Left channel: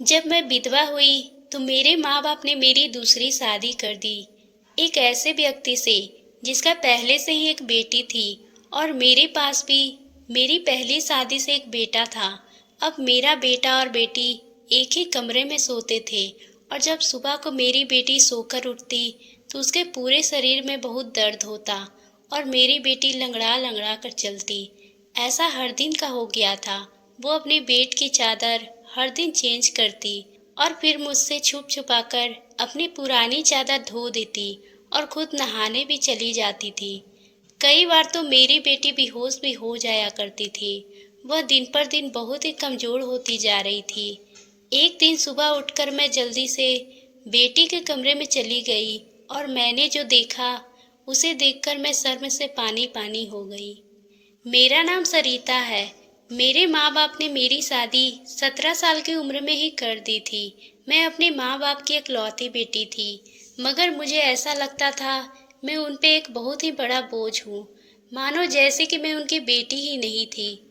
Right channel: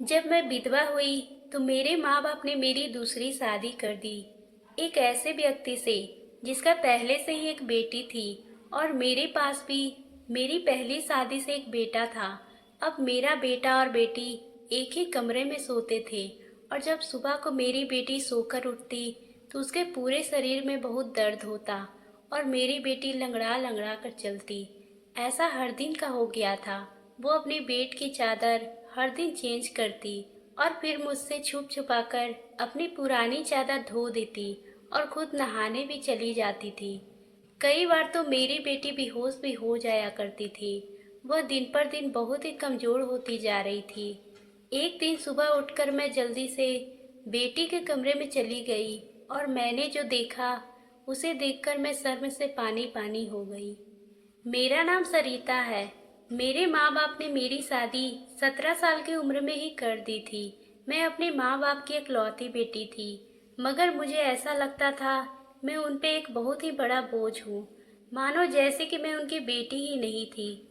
जब मैं विधवा हुई तो मेरे माँ बाप ने मेरी दूसरी शादी कर दी, एक ऐसे व्यक्ति से जिसका पहले से ही एक बेटी थी और मेरे पास भी मेरी पहली शादी से एक बेटा था। अब मेरा बेटा और बेटी एक ही कमरे में सोते थे और जब सुबह को मेरी बेटी सोकर उठती तो उसके पूरे शरीर में बहुत दर्द होता और मेरी बेटी लंगड़ा लंगड़ा कर चलती। ऐसा हर दिन का हो गया था। वो अपनी बेड की चादर हर दिन चेंज करती और फिर मुझसे छुप छुपा कर अपनी पुरानी चादर धो देती और खुद नहाने भी चली जाती थी। कई बार तो मेरी बेटी बेहोश भी हो जाया करती थी। वह दिन पर दिन बहुत ही कमज़ोर होती जा रही थी। एक दिन सुबह उठकर मैं जल्दी से बेटी के कमरे में चली गई और मैंने जो देखा उसे देखकर मैं शर्म से पानी पानी हो गई। मेरा नाम सरिता है। मेरे माँ बाप ने मेरी शादी 17 साल की उम्र में ही कर दी थी। मैं अपने माँ बाप की इकलौती बेटी थी, मगर मुझे ऐसा लगता था मैं उन पे एक बहुत ही बड़ा बोझ हूँ, मानो जैसे कि मैं उनकी बेटी ही नहीं थी।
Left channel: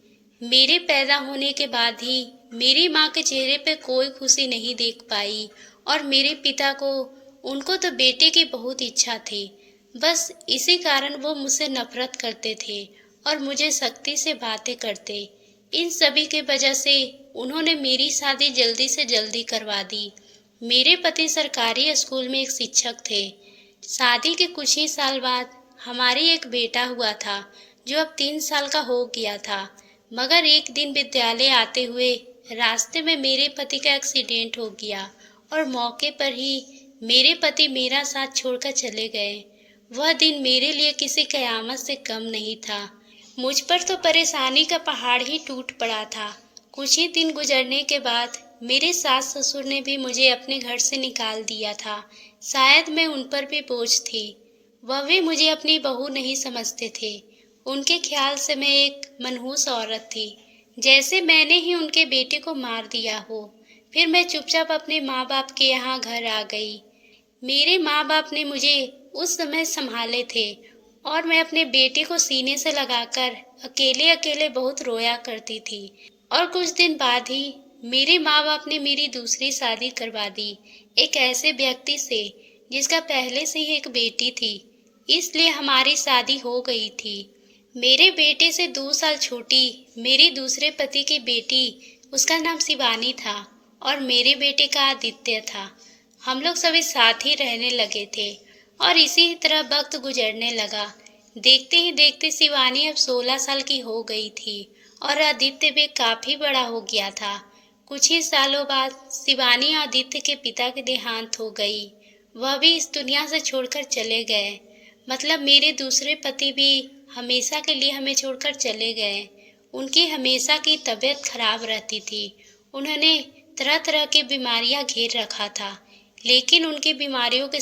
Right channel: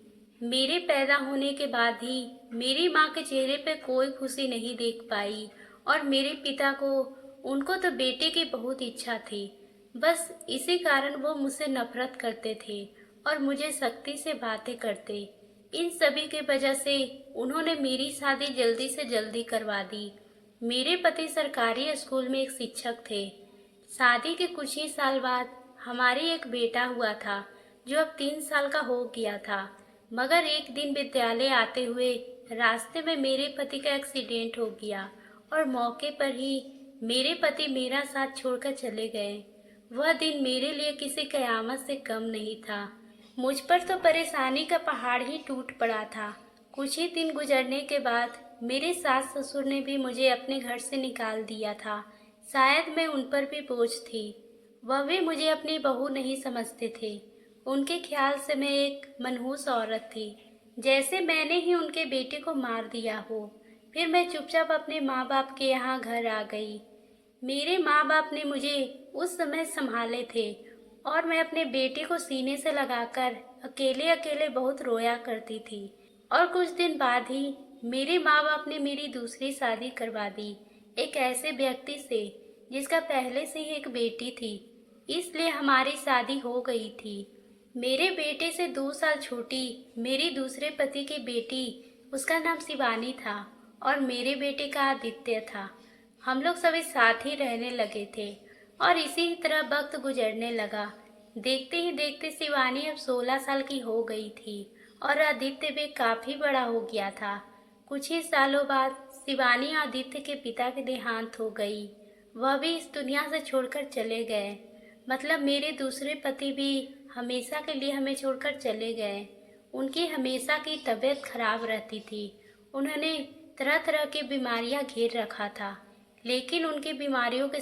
मेरे पैदा होने के बाद ही मेरी माँ के चेहरे पे कोई खुशी नहीं देख पाई और मेरे पिता को उनको तो बेटे की बहुत इच्छा थी। बस इसी कारण वो मुझसे नफरत करते थे और मुझे सख्ती से बातें करते। इन सभी के वजह से उन्होंने मेरी शादी जल्दी से जल्दी करवा दी। मेरे पति सरकारी स्कूल में एक शिक्षक थे। शादी के कुछ ही साल बाद हमारी एक बेटा हुआ था जो अब 3 साल का हो गया था। मगर एक दिन विद्यालय आते हुए रास्ते में मेरे पति का एक्सीडेंट हो गया और मौके पर ही मेरे पति मेरा साथ छोड़कर चले गए। वह दिन मेरे लिए किसी कयामत से कम नहीं था। मुझ पर तो परेशानी का पहाड़ ही टूट पड़ा था। कुछ ही दिन गुजरने के बाद मेरे सास ससुर ने भी मुझे अपने घर से निकाल दिया था। शायद मैं उन पर भी बोझ थी। वह भी मुझे अपनी बहू नहीं समझते थे। उनके ख्याल से मैं एक मनहूस औरत थी, जैसे मैंने ही उनके बेटे को मार दिया हो। फिर मैं चुपचाप अपने माँ बाप के यहाँ घर आ गई। मेरे माँ बाप ने मुझे उस समय संभाले थे और मैं अपने बेटे को सीने से लगाकर अकेले अकेले बहुत रोया करती थी। और कुछ दिन बाद ही मेरे माँ बाप ने मेरी दूसरी शादी करवा दी, एक ऐसे व्यक्ति से जिसका पहले से ही एक बेटी थी, इसलिए हमारी शादी हो गई थी। मेरे बेटे से 2 साल छोटी मेरी दूसरे पति की बेटी, उसका नाम शिवानी था और मेरे बेटे का आदित्य था। हम लोग सभी साथ ही रहने लगे थे और इसी तरह वक्त गुजरने लगा। देखते ही देखते शिवानी अब 16 साल की हो गई थी और आदित्य भी काफी बड़ा हो गया था। कुछ ही सालों बाद शिवानी आदित्य के पिता के देहांत हो गई। वह भी इस दुनिया से छोड़कर चले गए। मतलब मेरे दूसरे पति भी हमेशा के लिए हमें छोड़कर चले गए। उनकी हमेशा की तबीयत खराब रहती थी। उन्होंने तरह तरह की बीमारियां घेर रखा था, लेकिन उनकी बीमारियों के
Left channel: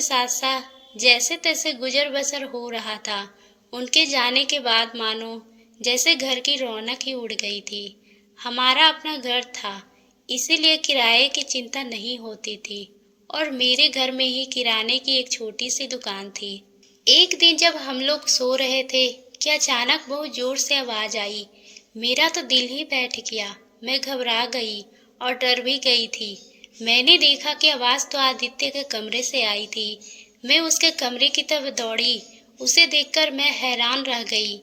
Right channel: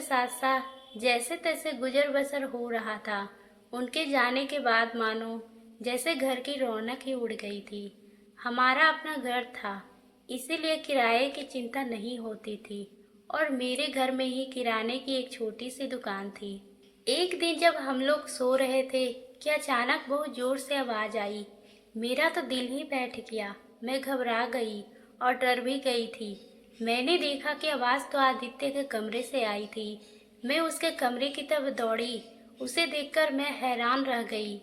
साथ साथ जैसे तैसे गुजर बसर हो रहा था। उनके जाने के बाद मानो जैसे घर की रौनक ही उड़ गई थी। हमारा अपना घर था, इसीलिए किराए की चिंता नहीं होती थी और मेरे घर में ही किराने की एक छोटी सी दुकान थी। एक दिन जब हम लोग सो रहे थे कि अचानक बहुत जोर से आवाज आई। मेरा तो दिल ही बैठ गया। मैं घबरा गई और डर भी गई थी। मैंने देखा कि आवाज तो आदित्य के कमरे से आई थी। मैं उसके कमरे की तरफ दौड़ी। उसे देखकर मैं हैरान रह गई।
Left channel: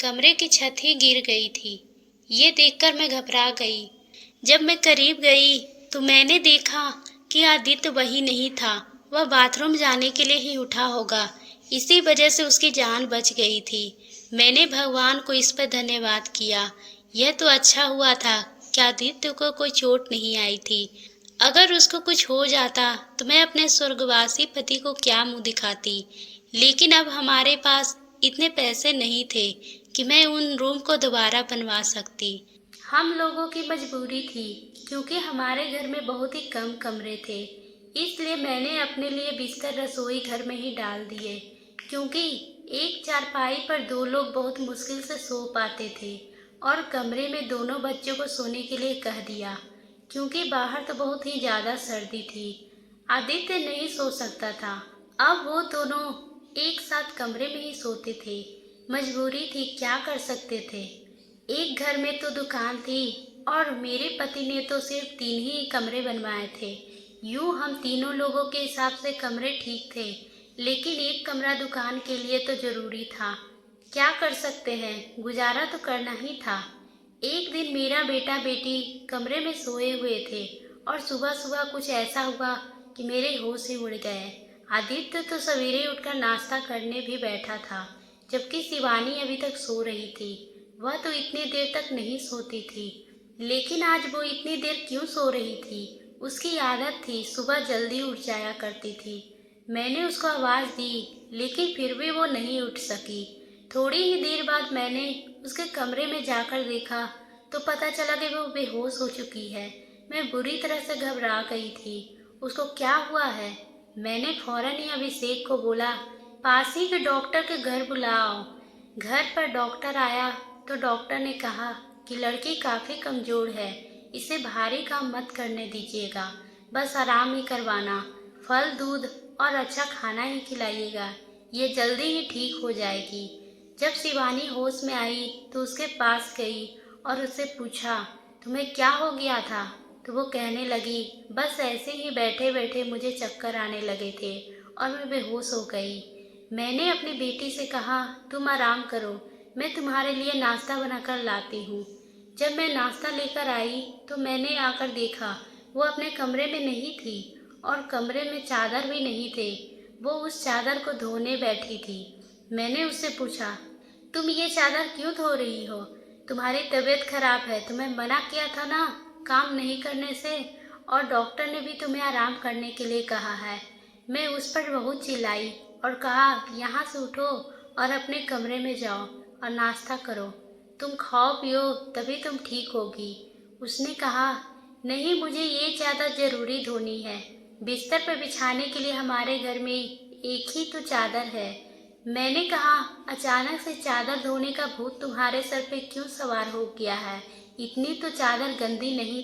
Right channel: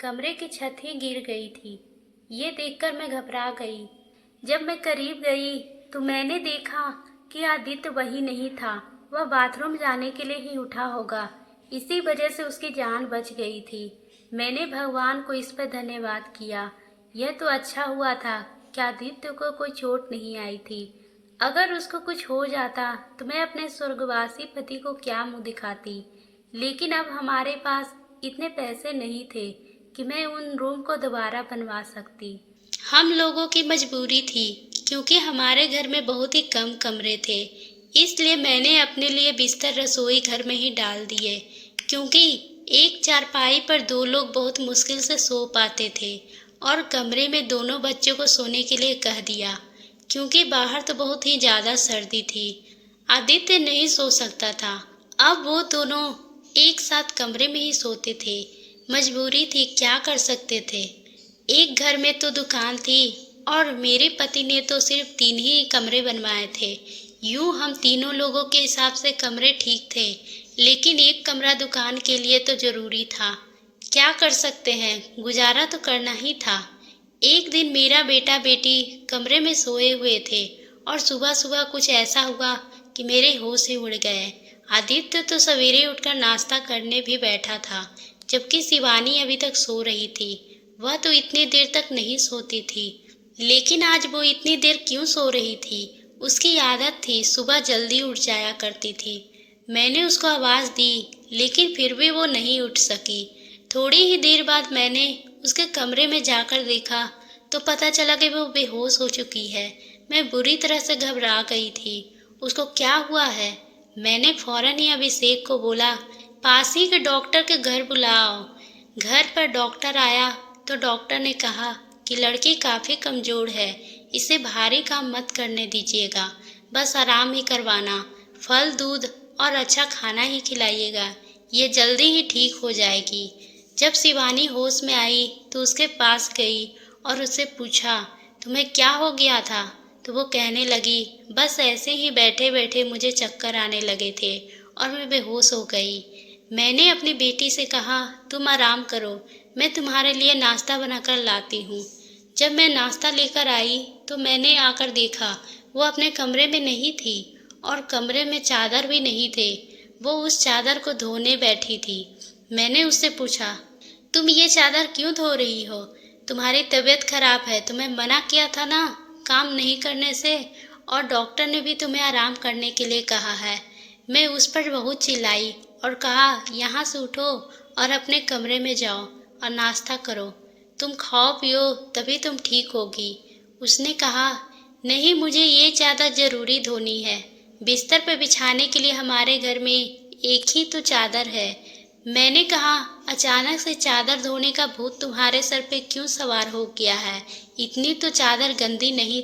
कमरे की छत ही गिर गई थी। ये देखकर मैं घबरा गई। जब मैं करीब गई तो मैंने देखा कि आदित्य वही नहीं था। वह बाथरूम जाने के लिए ही उठा होगा, इसी वजह से उसकी जान बच गई थी। मैंने भगवान को इस पर धन्यवाद किया। यह तो अच्छा हुआ था कि आदित्य को कोई चोट नहीं आई थी। अगर उसको कुछ हो जाता तो मैं अपने स्वर्गवासी पति को क्या मुंह दिखाती। लेकिन अब हमारे पास इतने पैसे नहीं थे कि मैं उन रूम को दोबारा बनवा सकती। हम लोगों की मजबूरी थी, क्योंकि हमारे घर में बहुत ही कम कमरे थे। इसलिए मैंने अपने लिए बिस्तर रसोई घर में ही डाल दिए, क्योंकि एक चारपाई पर 2 लोग बहुत मुश्किल से सो पाते थे। और कमरे में दोनों बच्चों को सोने के लिए कह दिया, क्योंकि बाहर तो बहुत ही ज़्यादा सर्दी थी। आदित्य नहीं सो सकता था। अब वो दोनों एक साथ कमरे में ही सोते थे। मजबूरी थी, क्या कर सकते थे। एक घर में तो दुकान थी, और मेरे पति ने तो सिर्फ 3 ही कमरे बनवाए थे। यूँ हम तीनों लोगों के हिसाब से कमरे ठीक थे, लेकिन एक कमरा दुकान के लिए तो ज़रूरी था। क्या कर सकते हैं, गुजारा तो करना ही था। एक दिन मेरा बेटा बेटी कमरे में सोए हुए थे और सुबह सुबह कुछ ऐसा हुआ कि मेरे होश ही उड़ गए। आदित्य तो सवेरे उठकर नाश्ता करने भी बैठा था, जबकि शिवानी अभी तक सो रही थी। वह तो इतनी देर तक नहीं सोती थी, लेकिन आज वो इतनी देर क्यों सो रही थी? उसकी आदत थी, सुबह जल्दी उठ जाया करती थी। मैंने उसको आवाज़ दी, लेकिन फिर भी वो नहीं उठ सकी। थोड़ी ही देर बाद मैंने उसके कमरे में जाकर देखा तो पता चला कि वो बेहोश हो चुकी है। मैं बुरी तरह से घबरा गई थी। उसको क्या हुआ है? मैंने फौरन ही अभिषेक को बोला, पास ही के डॉक्टर के घर बुलाओ। घर पर डॉक्टर आया तो डॉक्टर ने कहा कि लड़की काफ़ी कमज़ोर है, इसे भारी काम मत करने दीजिएगा, बस आराम ही करवाना, फल दूध और अच्छा खाना ही खिलाइएगा, ये जल्दी ही ठीक हो जाएगी। जब शिवानी होश में आई तो उसके पास गई और उससे पूछा, तुम्हें क्या हो गया था? तो वो कहने लगी, बस ऐसे ही बैठे बैठे मुझे चक्कर आने लगे थे और मैं बेहोश हो गई। मैंने अपनी बेटी से कहा, तुम आराम करो, मैं तुम्हारे लिए नाश्ता बनाकर लाती हूँ। जब मैं नाश्ता लेकर आई तो मैंने आकर देखा वो अपने कमरे में नहीं थी और कमरे में चादर भी नहीं थे। वो उस चादर को धोने बैठी थी। मैंने उससे पूछा, तुम ये चादर क्यों धो रही हो? तुम्हारी तबीयत खराब है, तुम्हें मना किया था ना काम नहीं करने से, और डॉक्टर ने भी तुम्हें आराम करने के लिए कहा है। मैं उस पर बहुत चिल्लाई और कहा, यहाँ से उठो और अपने कमरे में जाओ और नाश्ता करो, तुम खाओ पियो तभी तुम ठीक होगी। उसने कहा, नहीं, मुझे ये चादर ज़रूरी धोनी है, बिस्तर पर बिछाने के लिए हमारे घर में एक ही तो चादर है। मैंने कहा, अचानक से चादर धोने का भूत तुम्हारे सर पे क्यों सवार हो गया है? इतनी तो चादर गंदी नहीं